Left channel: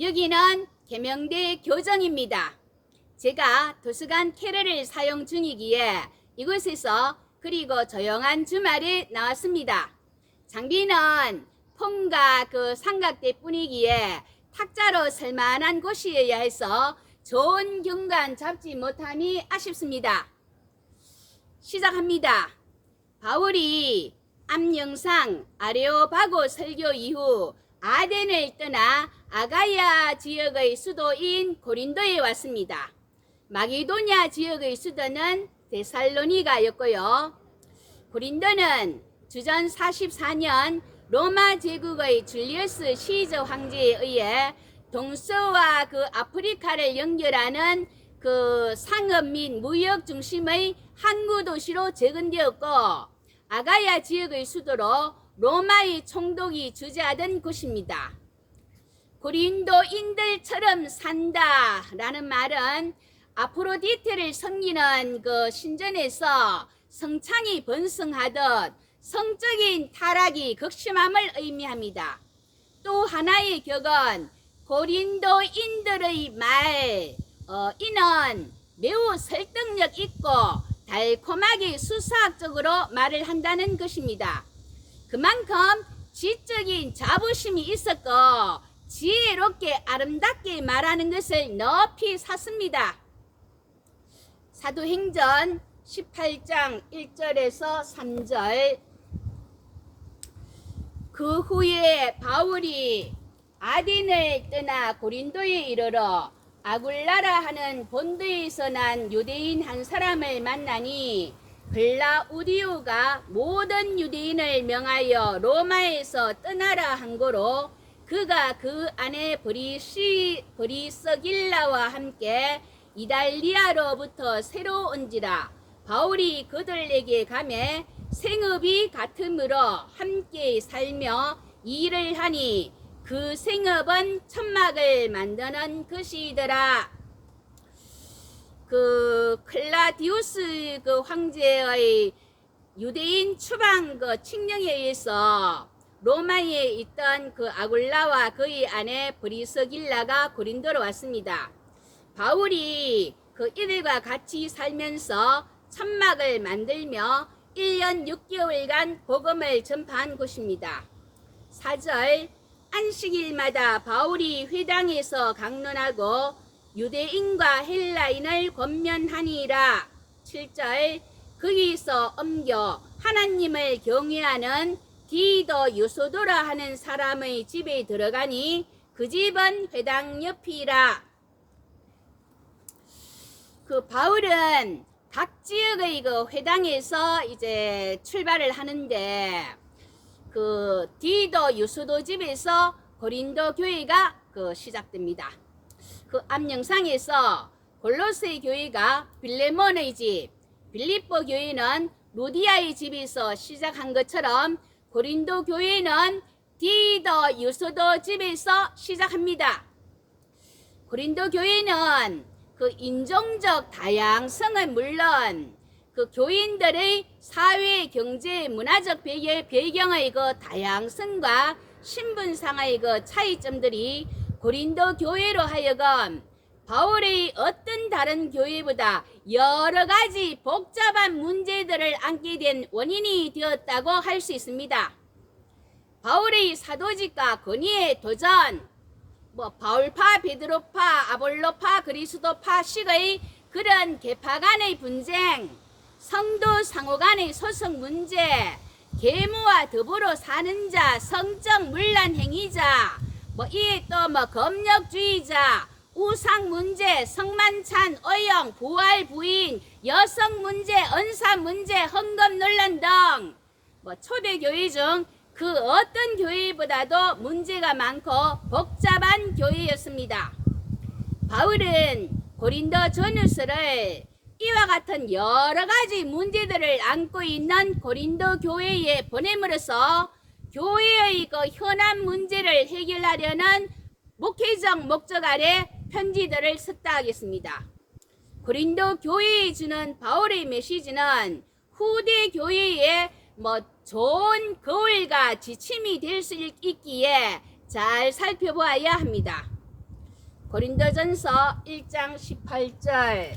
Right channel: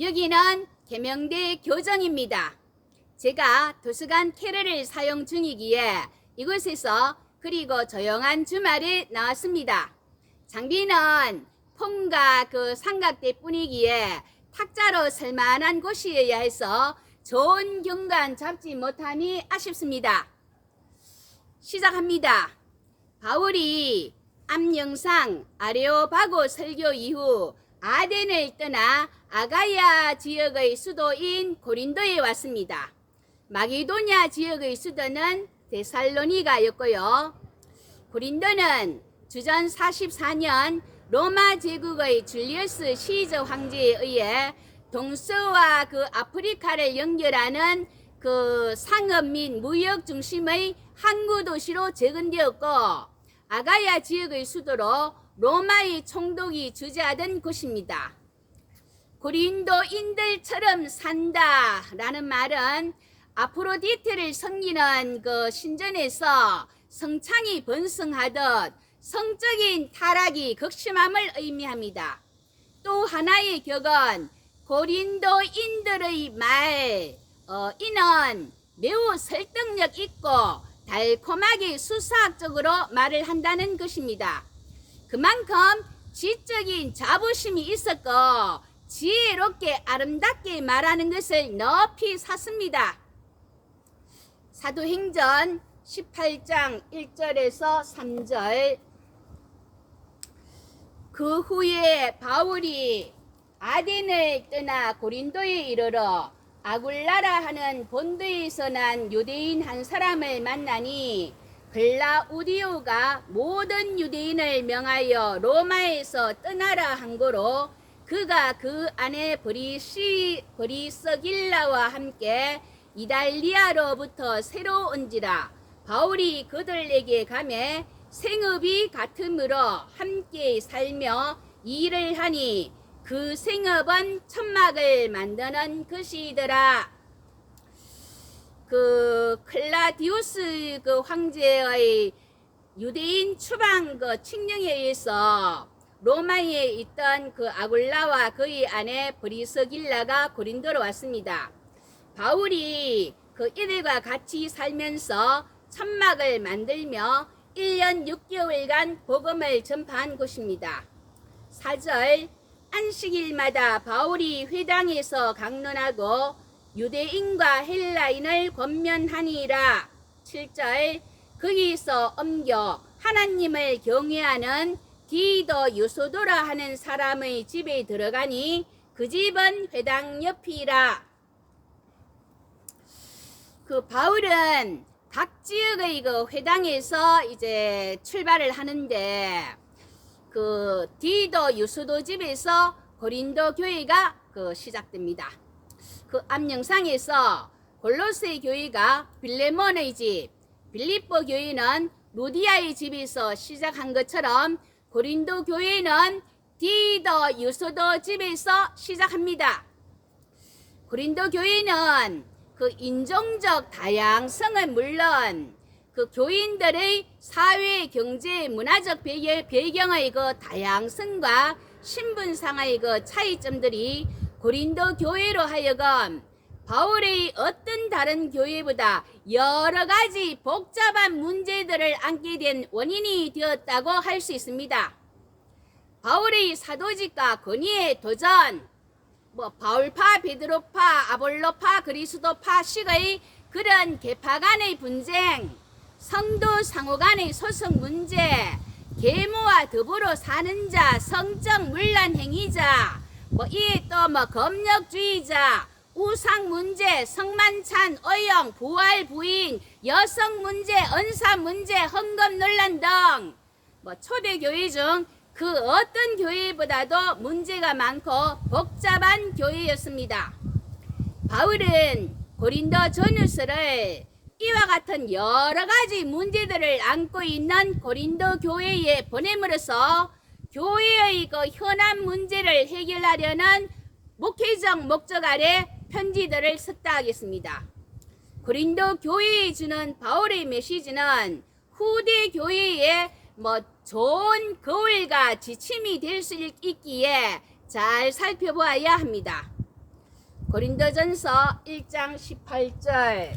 여기는 계명대 교정입니다. 제가 도서관 캐럴을 사용 중이기에 이곳에서 그리고 조용한 주말에 나왔습니다. 장비는 폼과 그 삼각대 뿐이기에 탁자로 쓸만한 곳이어야 해서 좋은 경관 잡지 못함이 아쉽습니다. 시작합니다. 바울이 앞영상 아레오바고 설교 이후 아덴을 떠나 아가야 지역의 수도인 고린도에 왔습니다. 마게도냐 지역의 수도는 데살로니가였고요. 고린도는 주전 44년 로마 제국의 줄리어스 시저 황제에 의해 동서와 그 아프리카를 연결하는 그 상업 및 무역 중심의 항구 도시로 재건되었고, 아가야 지역의 수도로 로마의 총독이 주재하던 곳입니다. 고린도인들처럼 산다라는 말은 아프로디테를 섬기는 그 신전에서 성창이 번성하듯 성적인 타락이 극심함을 의미합니다. 또 하나의 격은 고린도인들의 말, 이는 매우 설득력 있고 달콤하게 수사학적으로 말을 한다는 것입니다. 그만큼 지적인 자부심이 있었고 지혜롭게 아름답게 말하는 것을 높이 샀습니다. 사도행전 18장 1절에서 3절. 그 후에 바울이 아덴을 떠나 고린도에 이르러 아굴라라 하는 본도에서 난 유대인 한 사람을 만나니 글라우디오가 모든 유대인을 명하여 로마에서 떠나라 한 거로 그가 그 안에 브리스길라와 함께 이달리아로부터 새로 온지라. 바울이 그들에게 가매 생업이 같으므로 함께 살며 일을 하니 그 생업은 천막을 만드는 것이더라. 그 클라디우스 그 황제의 유대인 추방 그 칙령에 의해서 로마에 있던 그 아굴라와 그의 아내 브리스길라가 고린도로 왔습니다. 바울이 그 이들과 같이 살면서 천막을 만들며 1년 6개월간 복음을 전파한 곳입니다. 4절. 안식일마다 바울이 회당에서 강론하고 유대인과 헬라인을 권면하니라. 7절. 거기서 옮겨 하나님을 경외하는 디도 유소도라 하는 사람의 집에 들어가니 그 집은 회당 옆이라. 그 바울은 각 지역의 그 회당에서 이제 출발을 하는데 그 디도 유소도 집에서 고린도 교회가 그 시작됩니다. 그 앞 영상에서 골로새 교회가 빌레몬의 집, 빌립보 교회는 루디아의 집에서 시작한 것처럼 고린도 교회는 디도 유소도 집에서 시작합니다. 고린도 교회는 그 인종적 다양성은 물론 그 교인들의 사회, 경제, 문화적 배경의 그 다양성과 신분상의 그 차이점들이 고린도 교회로 하여금 바울의 어떤 다른 교회보다 여러 가지 복잡한 문제들을 안게 된 원인이 되었다고 할 수 있습니다. 바울의 사도직과 권위의 도전, 바울파, 베드로파, 아볼로파, 그리스도파 식의 그런 계파 간의 분쟁, 성도 상호 간의 소송 문제, 계모와 더불어 사는 자, 성적 문란 행위자, 이에 또 검역주의자, 우상 문제, 성만찬, 어영, 부활 부인, 여성 문제, 은사 문제, 헌금 논란 등 초대교회 중 그 어떤 교회보다도 문제가 많고 복잡한 교회였습니다. 바울은 고린도 전후서를 이와 같은 여러 가지 문제들을 안고 있는 고린도 교회에 보냄으로써 교회의 그 현안 문제를 해결하려는 목회적 목적 아래 편지들을 썼다 하겠습니다. 고린도 교회에 주는 바울의 메시지는 후대 교회에 좋은 거울과 지침이 될 수 있기에 잘 살펴보아야 합니다. 고린도전서 1장 18절.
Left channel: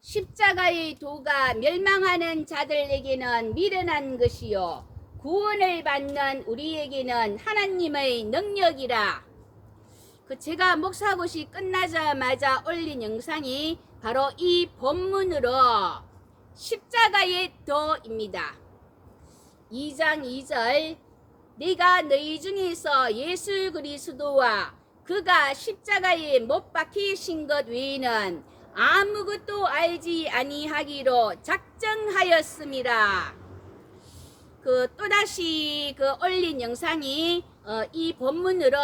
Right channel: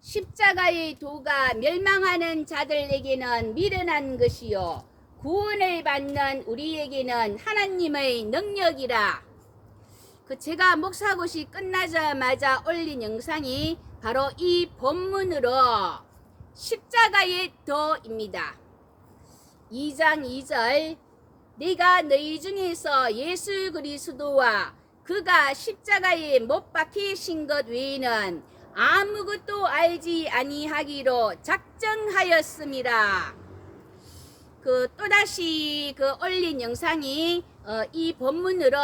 십자가의 도가 멸망하는 자들에게는 미련한 것이요 구원을 받는 우리에게는 하나님의 능력이라. 제가 목사고시 끝나자마자 올린 영상이 바로 이 본문으로 십자가의 도입니다. 2장 2절. 내가 너희 중에서 예수 그리스도와 그가 십자가에 못 박히신 것 외에는 아무것도 알지 아니하기로 작정하였음이라. 또다시 올린 영상이 이 본문으로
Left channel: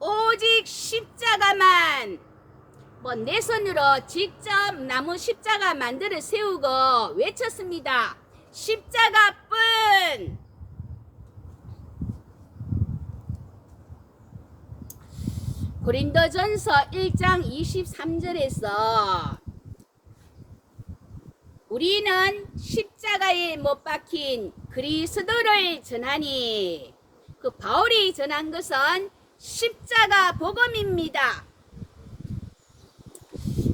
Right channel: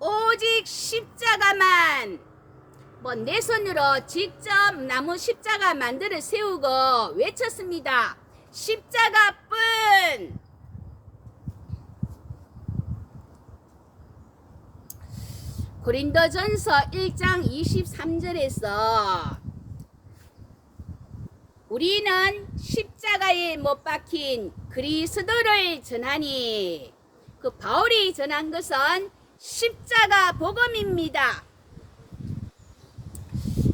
오직 십자가만, 내 손으로 직접 나무 십자가 만들어 세우고 외쳤습니다. 십자가뿐. 고린도전서 1장 23절에서 우리는 십자가에 못 박힌 그리스도를 전하니, 바울이 전한 것은 십자가 복음입니다.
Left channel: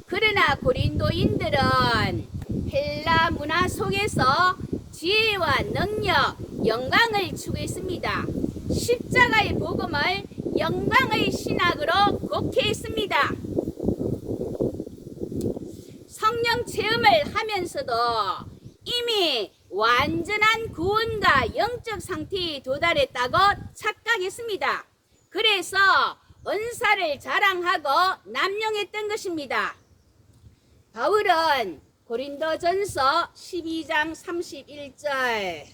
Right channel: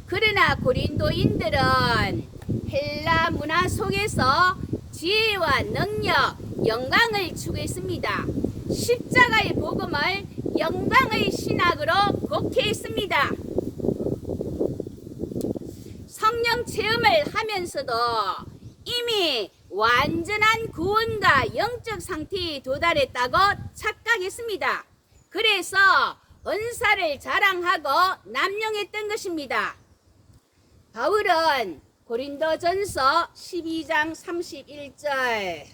그러나 고린도인들은 헬라 문화 속에서 지혜와 능력, 영광을 추구했습니다. 십자가의 복음을 영광의 신학으로 곡해했습니다. 성령 체험을 하면서도 이미 완전한 구원과 영적 상태에 도달했다고 착각했습니다. 그래서 은사를 자랑하고 남용했던 것입니다. 바울은 고린도전서 12장 31절.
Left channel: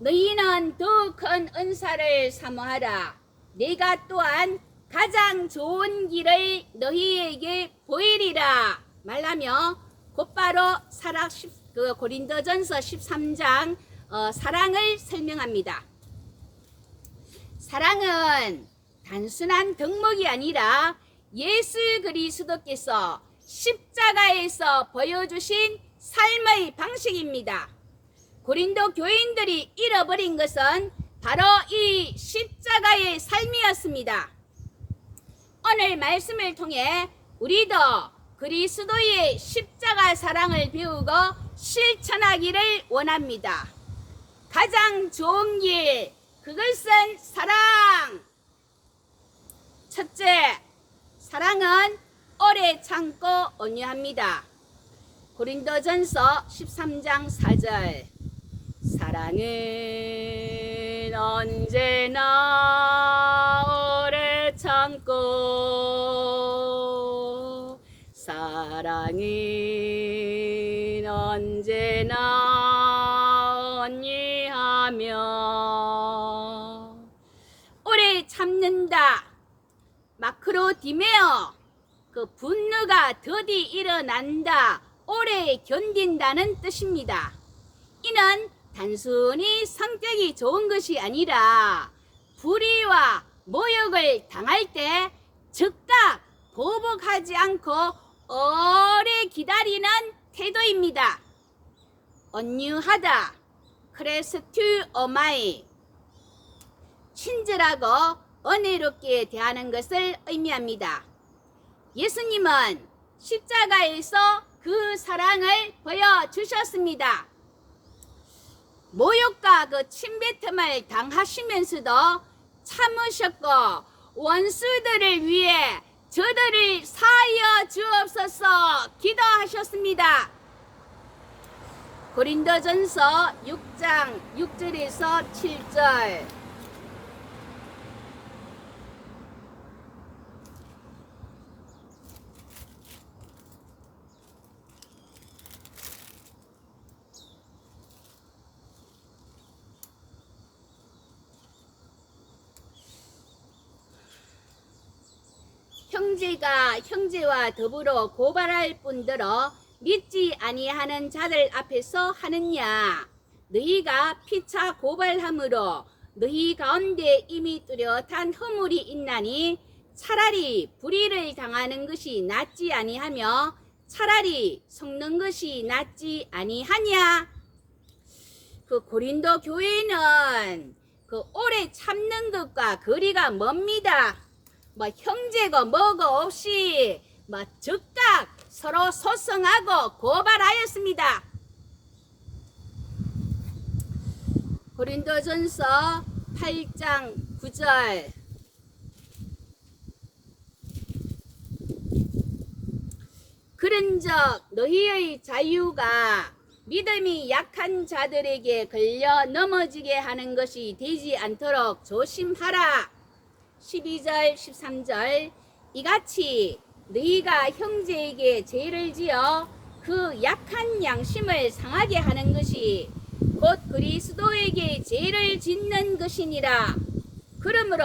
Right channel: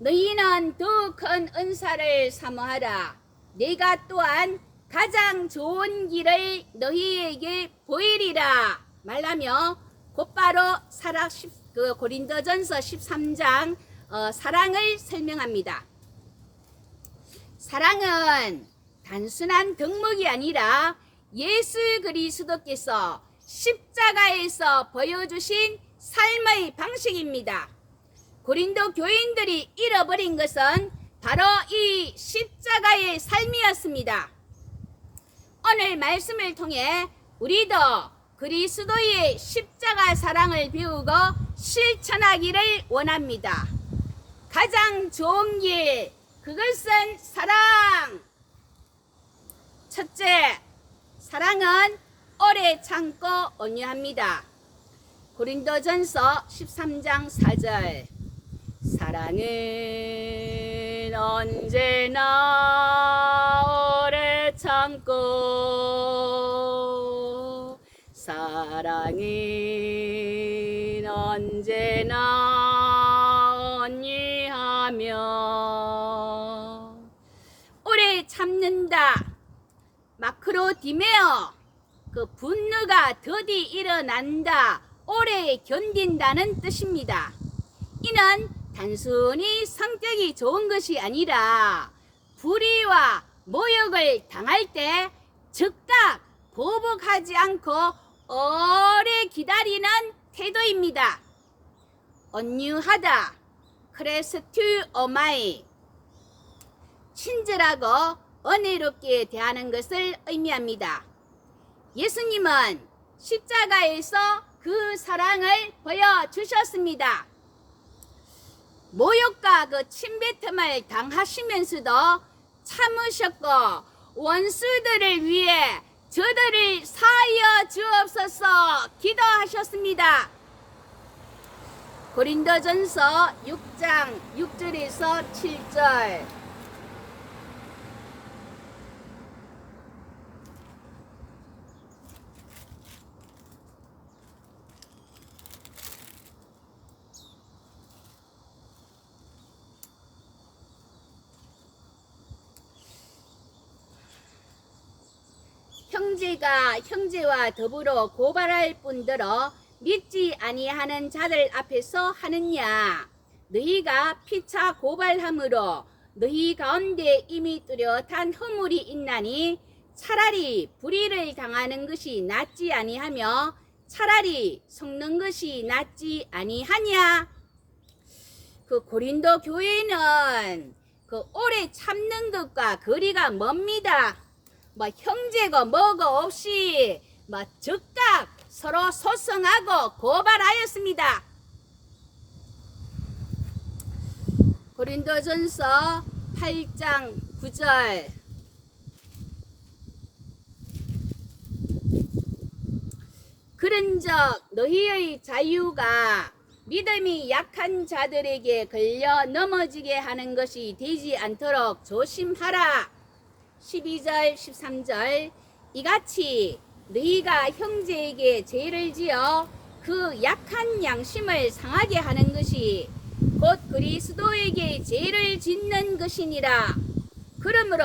너희는 더 큰 은사를 사모하라. 내가 또한 가장 좋은 길을 너희에게 보이리라 말하며 곧바로 고린도전서 13장 사랑을 설명합니다. 사랑은 단순한 덕목이 아니라 예수 그리스도께서 십자가에서 보여주신 삶의 방식입니다. 고린도 교인들이 잃어버린 것은 바로 이 십자가의 삶이었습니다. 오늘 말씀을 통해 우리도 그리스도의 십자가 사랑을 배우고 실천하기를 원합니다. 가장 좋은 길, 그것은 사랑. 첫째, 사랑은 오래 참고 온유합니다. 고린도전서 13장 4절. 사랑은 언제나 오래 참고, 사랑은 언제나 온유하며. 오래 참는다. 마크로 디메어, 분노가 더디 일어난다, 오래 견딘다는 뜻입니다. 이는 단순히 성격이 좋은 것이 아니라 불의와 모욕을 당할 때 즉각 보복하지 않고 오래 기다리는 태도입니다. 온유하다, 크레스튜어마이, 친절하고 은혜롭게 대하는 것을 의미합니다. 예수님은 십자가에서 그 사랑을 보여주셨습니다. 모욕과 침뱉음을 당하시면서도 참으셨고, 원수들을 위해 저들을 사하여 주옵소서 기도하셨습니다. 고린도전서 6장 6절에서 7절. 형제가 형제와 더불어 고발할 뿐더러 믿지 아니하는 자들 앞에서 하느냐. 너희가 피차 고발함으로 너희 가운데 이미 뚜렷한 허물이 있나니 차라리 불의를 당하는 것이 낫지 아니하며 차라리 속는 것이 낫지 아니하냐. 그 고린도 교회는 그 오래 참는 것과 거리가 멉니다. 뭐 형제고 뭐고 없이 뭐 즉각 서로 소송하고 고발하였습니다. 고린도전서 8장 9절. 그런즉 너희의 자유가 믿음이 약한 자들에게 걸려 넘어지게 하는 것이 되지 않도록 조심하라. 12절 13절. 이같이 너희가 형제에게 죄를 지어 그 약한 양심을 상하게 하는 것이 곧 그리스도에게 죄를 짓는 것이니라. 그러므로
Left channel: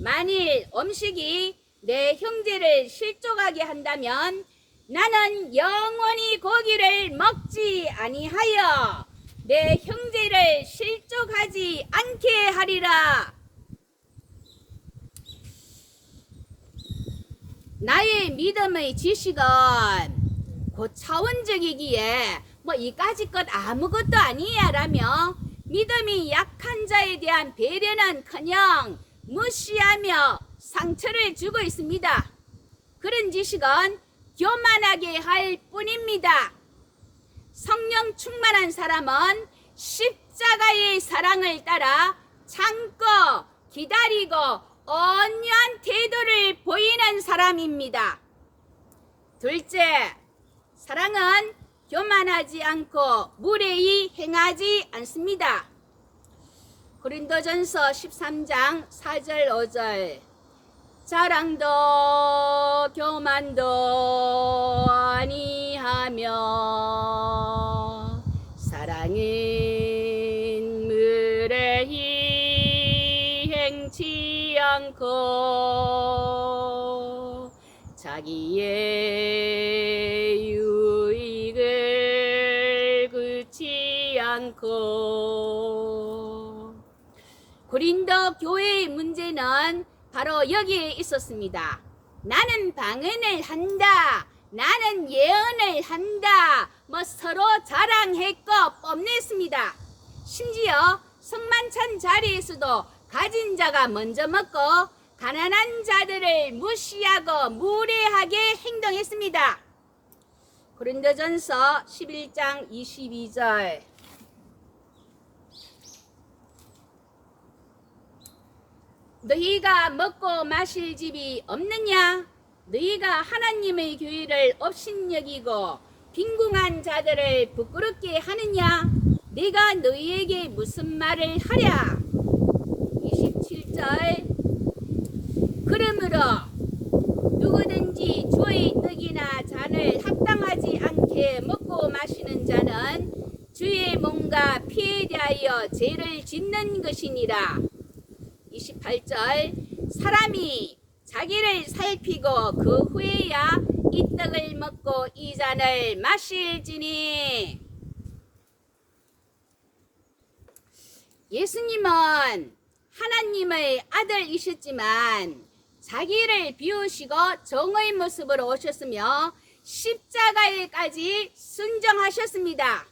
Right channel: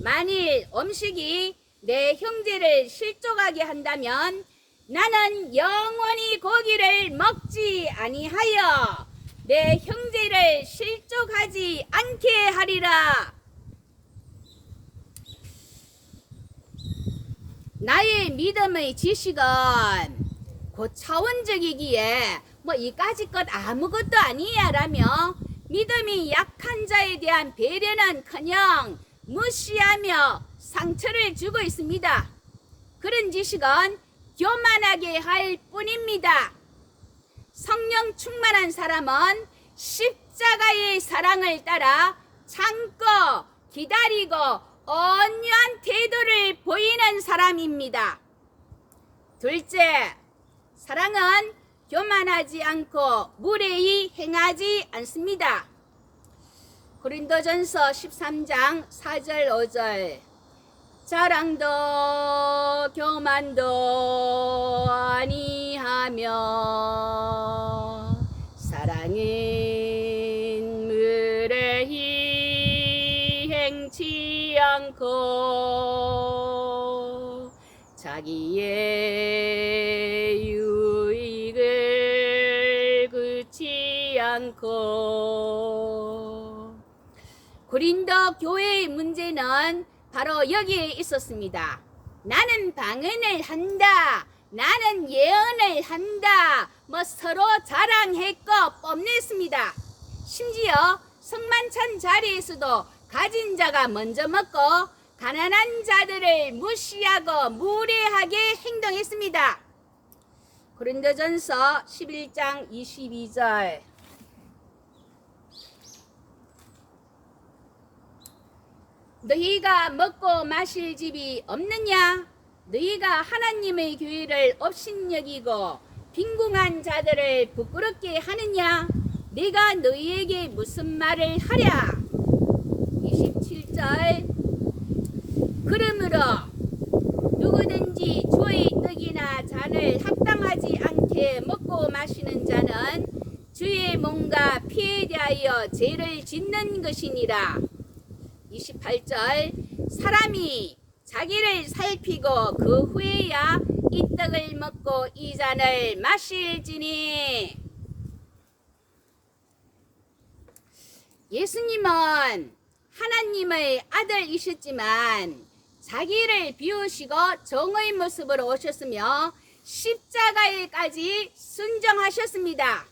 만일 음식이 내 형제를 실족하게 한다면 나는 영원히 고기를 먹지 아니하여 내 형제를 실족하지 않게 하리라. 나의 믿음의 지식은 고차원적이기에 뭐 이까지 것 아무것도 아니야 라며 믿음이 약한 자에 대한 배려는커녕 무시하며 상처를 주고 있습니다. 그런 지식은 교만하게 할 뿐입니다. 성령 충만한 사람은 십자가의 사랑을 따라 참고 기다리고 온유한 태도를 보이는 사람입니다. 둘째, 사랑은 교만하지 않고 무례히 행하지 않습니다. 고린도전서 13장 4절 5절. 자랑도 교만도 아니하며 사랑은 무례히 행치 않고 자기의 유익을 굳지 않고. 고린도 교회의 문제는 바로 여기에 있었습니다. 나는 방언을 한다, 나는 예언을 한다, 뭐 서로 자랑했고 뽐냈습니다. 심지어 성만찬 자리에서도 가진 자가 먼저 먹고 가난한 자들을 무시하고 무례하게 행동했습니다. 고린도전서 11장 22절. 너희가 먹고 마실 집이 없느냐? 너희가 하나님의 교회를 업신여기고 빈궁한 자들을 부끄럽게 하느냐? 내가 너희에게 무슨 말을 하랴? 27절. 그러므로 누구든지 주의 떡이나 잔을 합당하지 않게 먹고 마시는 자는 주의 몸과 피에 대하여 죄를 짓는 것이니라. 28절. 사람이 자기를 살피고 그 후에야 이 떡을 먹고 이 잔을 마실지니. 예수님은 하나님의 아들이셨지만 자기를 비우시고 정의 모습으로 오셨으며 십자가에까지 순종하셨습니다.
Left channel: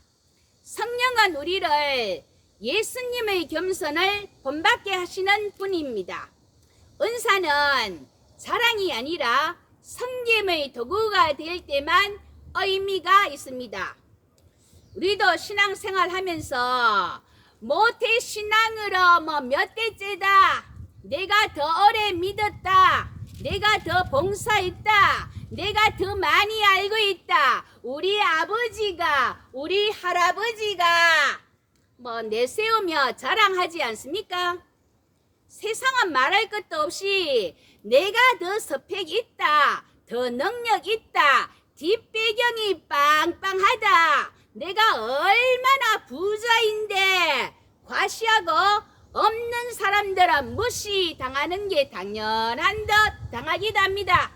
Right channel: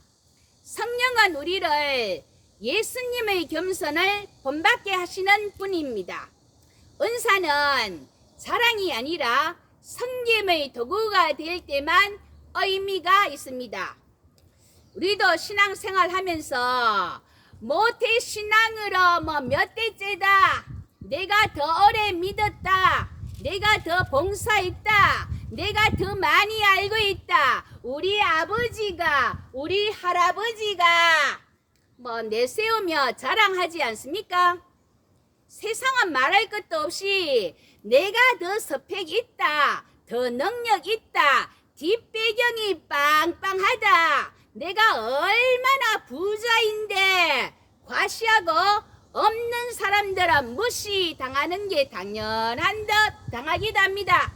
성령은 우리를 예수님의 겸손을 본받게 하시는 분입니다. 은사는 자랑이 아니라 섬김의 도구가 될 때만 의미가 있습니다. 우리도 신앙생활 하면서 모태신앙으로 몇 대째다, 내가 더 오래 믿었다, 내가 더 봉사했다, 내가 더 많이 알고 있다, 우리 아버지가, 우리 할아버지가 내세우며 자랑하지 않습니까? 세상은 말할 것도 없이 내가 더 스펙 있다, 더 능력 있다, 뒷배경이 빵빵하다, 내가 얼마나 부자인데 과시하고 없는 사람들은 무시당하는 게 당연한 듯 당하기도 합니다.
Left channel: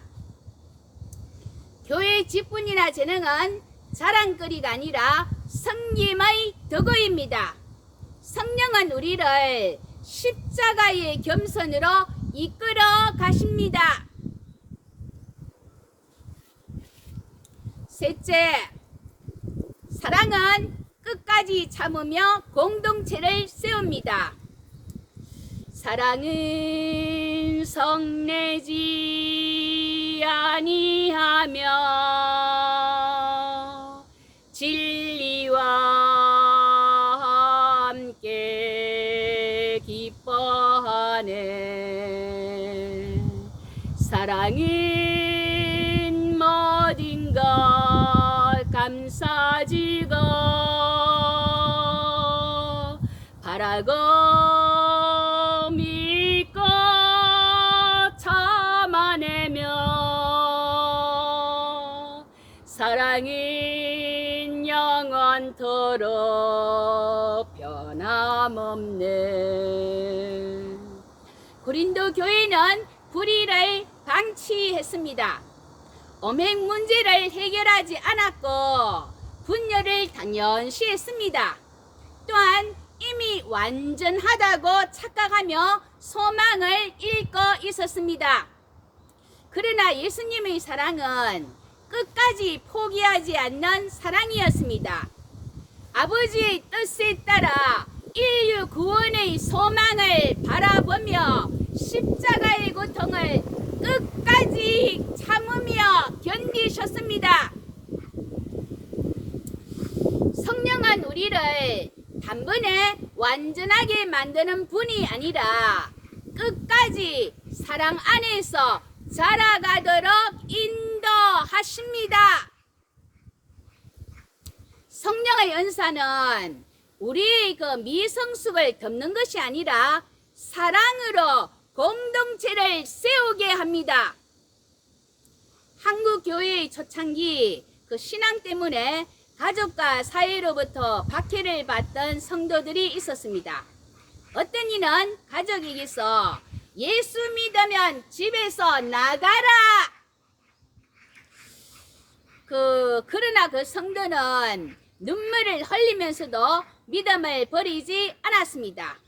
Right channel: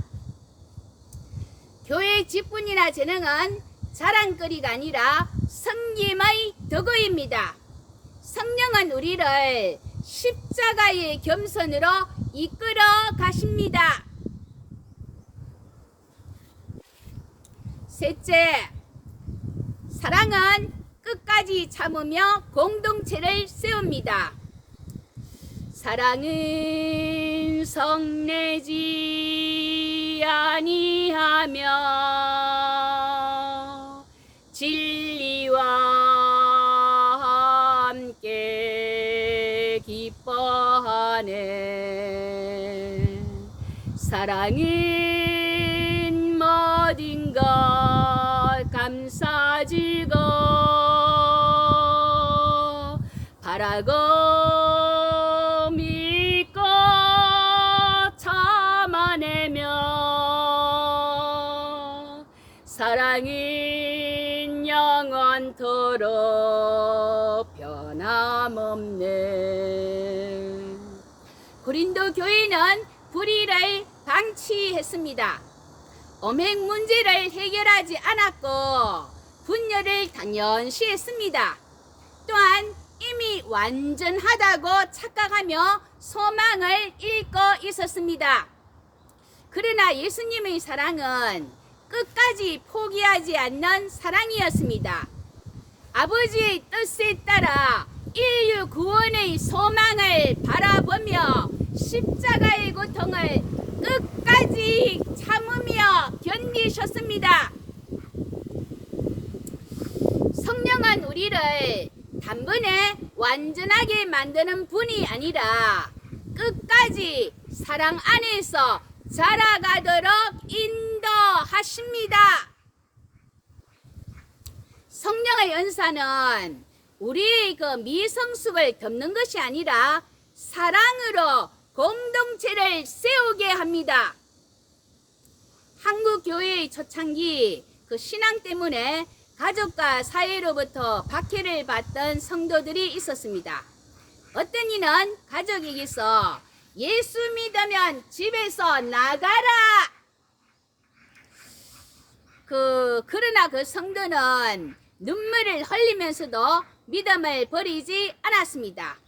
교회 직분이나 재능은 자랑거리가 아니라 섬김의 도구입니다. 성령은 우리를 십자가의 겸손으로 이끌어 가십니다. 셋째, 사랑은 끝까지 참으며 공동체를 세웁니다. 사랑은 성내지 아니하며 진리와 함께 기뻐하네. 사랑은 모든 것 감사지고 바라고 믿고 참아내며 사랑은 영원토록 변함없네. 고린도 교회는 불의를 방치했습니다. 엄행 문제를 해결하지 않았고 분열을 당연시 했습니다. 또한 이미 완전하다고 착각하며 소망을 잃고 있었습니다. 그러나 예수님의 사랑은 끝까지 포기하지 않는 사랑이었습니다. 아버지의 뜻에 따라 인류 구원의 소망을 바라보며 십자가의 고통을 끝까지 참으며 견디셨습니다. 성령은 우리를 단번에 완전하게 만드는 분이 아니라 끝까지 사랑 안에서 자라가도록 인도하십니다. 성령의 은사는 우리의 그 미성숙을 덮는 것이 아니라 사랑으로 공동체를 세우게 합니다. 한국 교회의 초창기 그 신앙 때문에 가족과 사회로부터 박해를 받던 성도들이 있었습니다. 어떤 이는 가족에게서 예수 믿으면 집에서 나가라. 그러나 그 성도는 눈물을 흘리면서도 믿음을 버리지 않았습니다.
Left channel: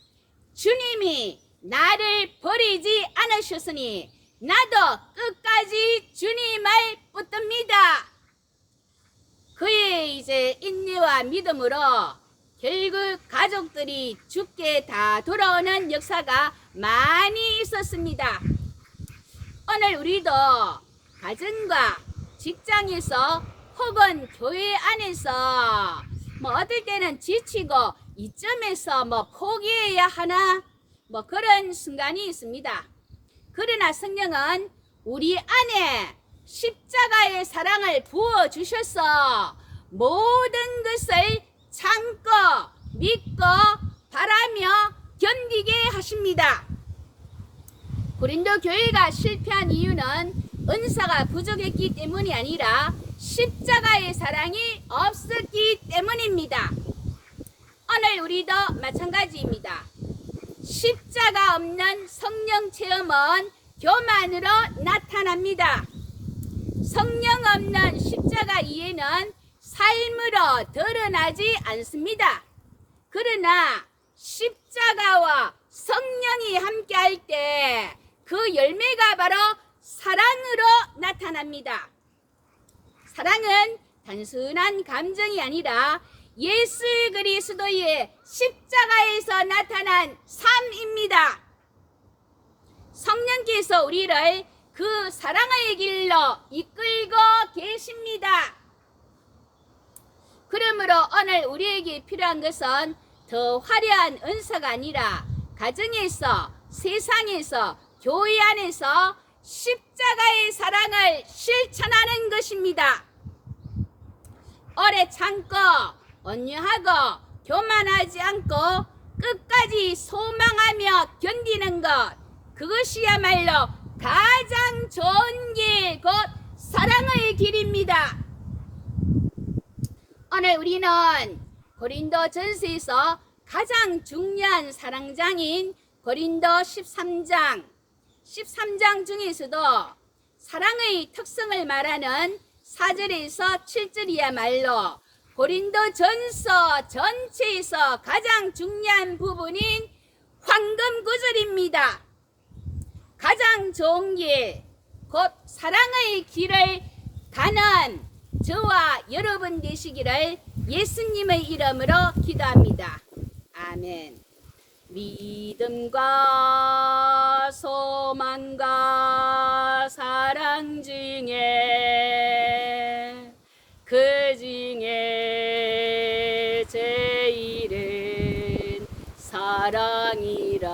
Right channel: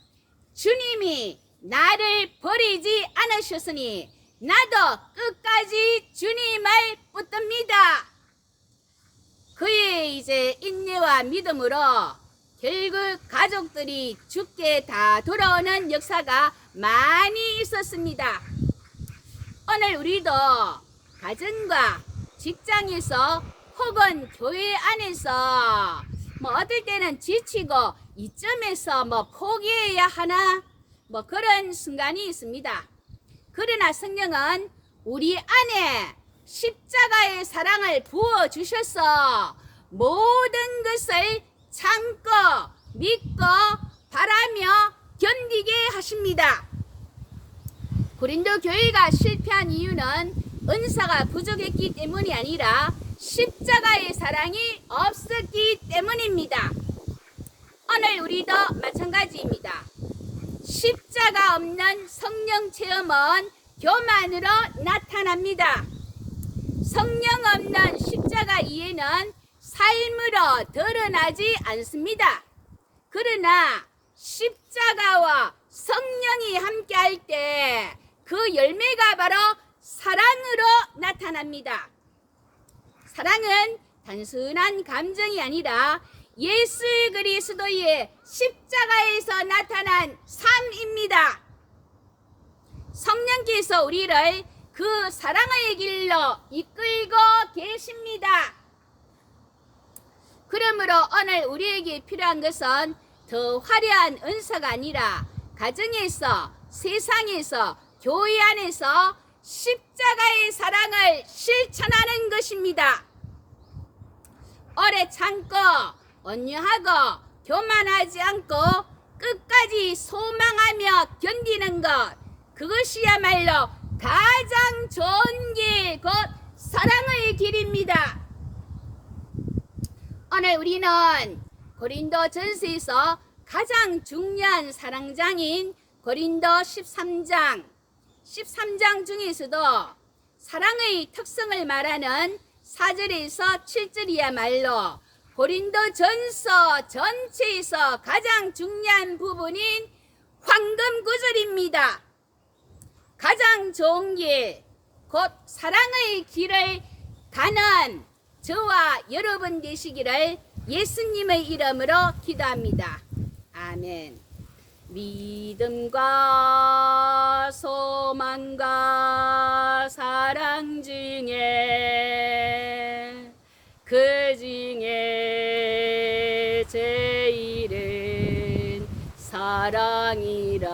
주님이 나를 버리지 않으셨으니 나도 끝까지 주님을 붙듭니다. 그의 이제 인내와 믿음으로 결국 가족들이 죽게 다 돌아오는 역사가 많이 있었습니다. 오늘 우리도 가정과 직장에서 혹은 교회 안에서 어떨 때는 지치고 이점에서 포기해야 하나 그런 순간이 있습니다. 그러나 성령은 우리 안에 십자가의 사랑을 부어주셔서 모든 것을 참고 믿고 바라며 견디게 하십니다. 고린도 교회가 실패한 이유는 은사가 부족했기 때문이 아니라 십자가의 사랑이 없었기 때문입니다. 오늘 우리도 마찬가지입니다. 십자가 없는 성령 체험은 교만으로 나타납니다. 성령 없는 십자가 이해는 삶으로 드러나지 않습니다. 그러나 십자가와 성령이 함께할 때 그 열매가 바로 사랑으로 나타납니다. 사랑은 단순한 감정이 아니라 예수 그리스도의 십자가에서 나타난 삶입니다. 성령께서 우리를 그 사랑의 길로 이끌고 계십니다. 그러므로 오늘 우리에게 필요한 것은 더 화려한 은사가 아니라 가정에서, 세상에서, 교회 안에서 십자가의 사랑을 실천하는 것입니다. 오래 참고 온유하고 교만하지 않고 끝까지 소망하며 견디는 것, 그것이야말로 가장 좋은 길, 곧 사랑의 길입니다. 오늘 우리는 고린도 전서에서 가장 중요한 사랑장인 고린도 13장 중에서도 사랑의 특성을 말하는 4절에서 7절이야말로 고린도 전서 전체에서 가장 중요한 부분인 황금 구절입니다. 가장 좋은 길, 곧 사랑의 길을 가는 저와 여러분 되시기를 예수님의 이름으로 기도합니다. 아멘. 믿음과 소망과 사랑 중에 그 중에 제일은 사랑이라.